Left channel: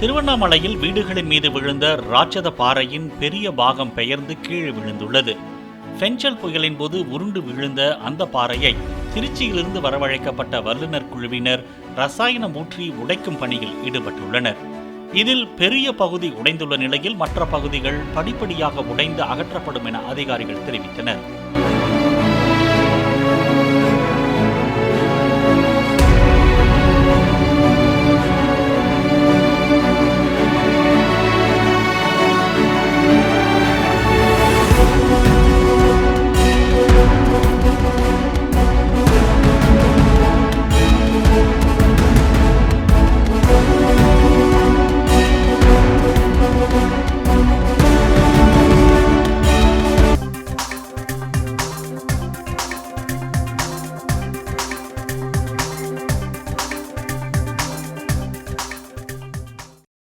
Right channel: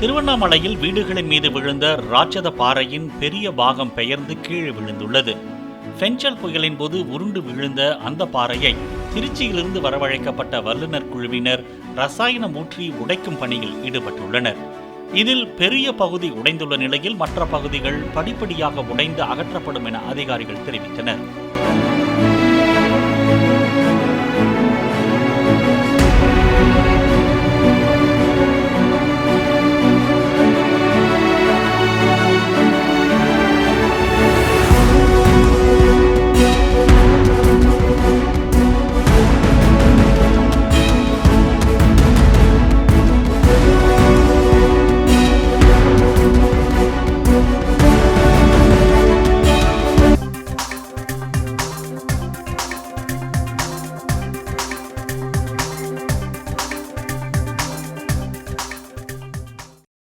திருவண்ணாமலையில் வீடுகளின் மீது விழுந்த ராட்சத பாறையின் பெரிய பாகம் பெயர்ந்து கீழே விழுந்துள்ளது. ஃபெஞ்சல் புயலின் போது உருண்டு விழுந்த அந்த பாறையை திருச்சியிலிருந்து வரவழைக்கப்பட்ட வல்லுநர் குழுவினர் ரசாயனம் ஊற்றி உடைக்கும் பணியில் ஈடுபட்டுள்ளனர். இதில் பெரிய பகுதி உடைந்துள்ள நிலையில் மற்ற பகுதிகள் படிப்படியாக உடைந்து அகற்றப்படும் என அதிகாரிகள் தெரிவித்தனர்.